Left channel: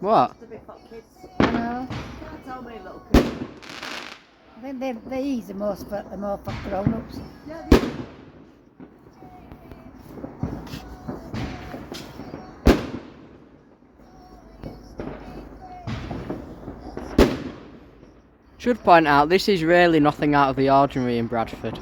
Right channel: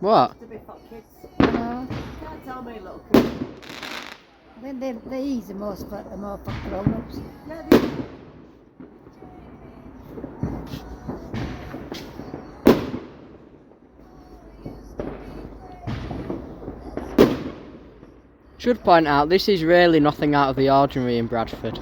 What? It's a bit for kids. Can't tell me, little kids. They ease the most, but the more for grown-ups. Yeah, Should point out, this is really nothing out of the ordinary in Bradford.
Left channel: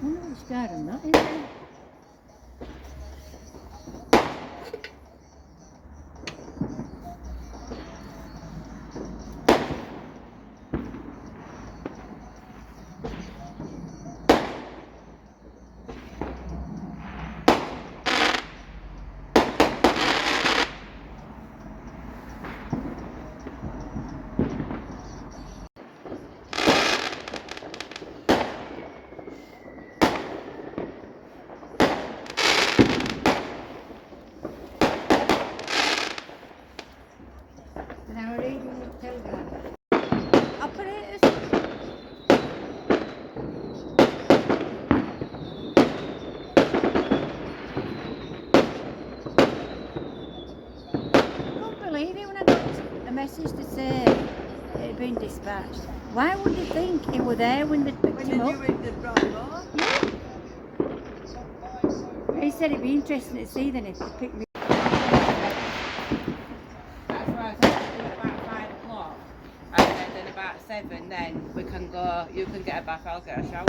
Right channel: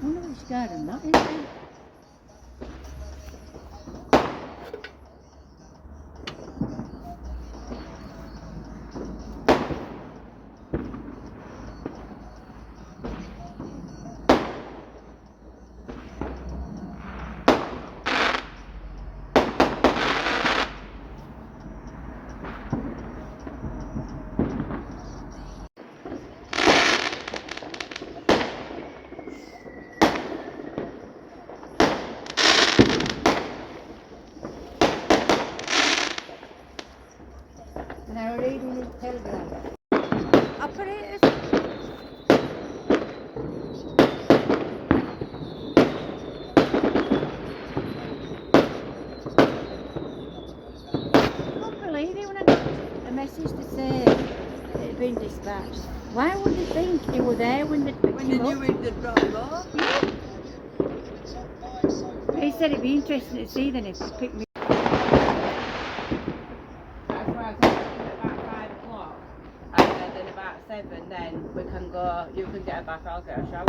I wonder what's garden that is. Now reading the telegram. operators. I couldn't believe it when I got a message to say it had been dispatched. Why would you think he were there when they picked When him you up? knew it, they'd brought him over. Yeah. But he said it'd be interesting to see then if they picked me. That's why I said about 5 o'clock, and then about 7, then we can go. You can get a bath, I'll get a shower.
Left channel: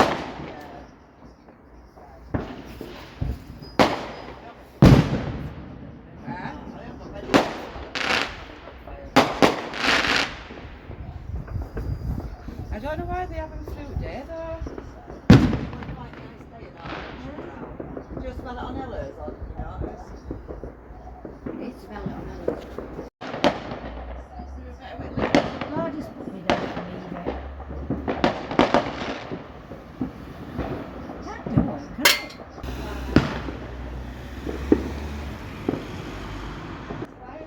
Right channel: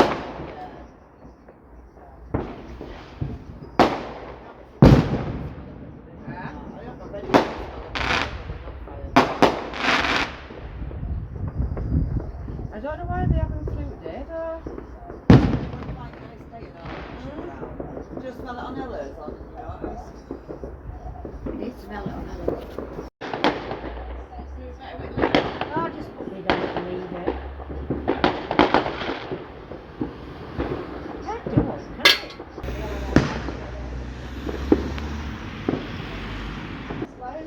I don't know why they have a fruit day though. Just smell it on Ella's or yours. It smell it on the list. Oh, just put me down and leave it. Can't do it, can I?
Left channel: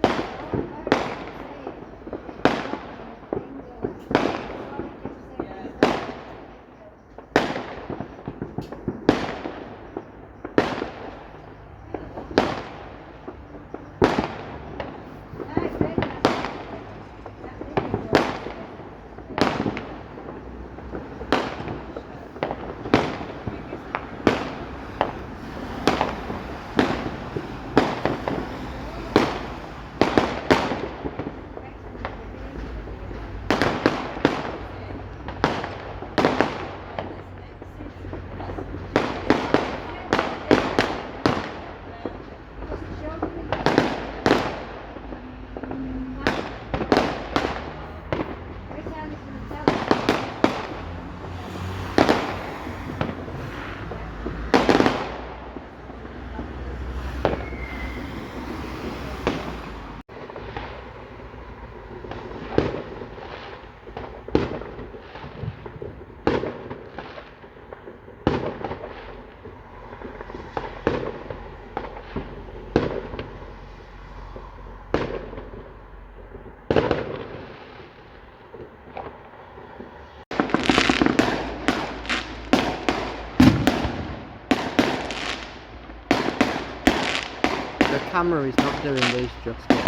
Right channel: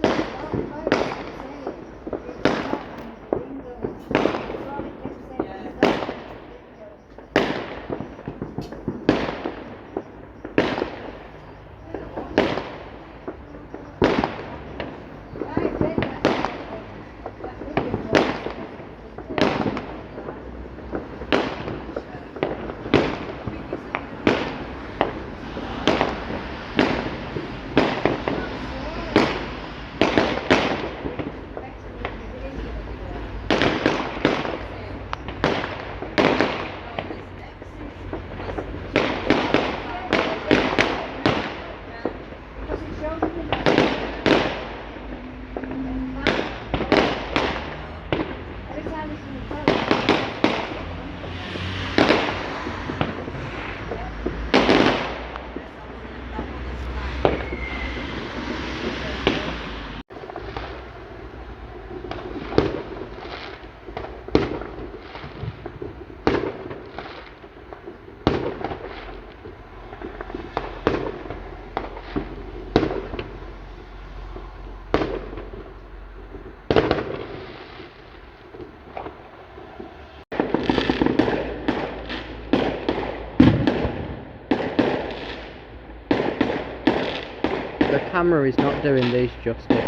camera is not doing these justice.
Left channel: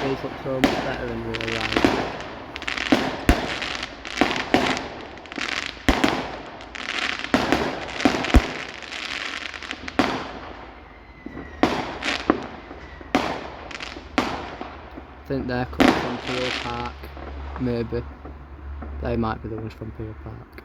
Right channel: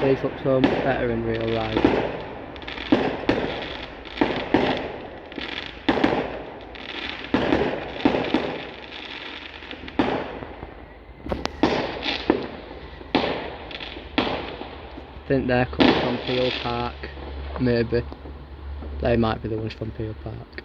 These look so much better in real life. I think they're coming from Peel Park, maybe. They might be the ones from Peel Park.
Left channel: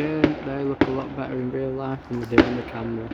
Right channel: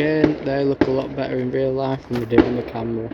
Again, they look a lot better in real life than they do on the camera.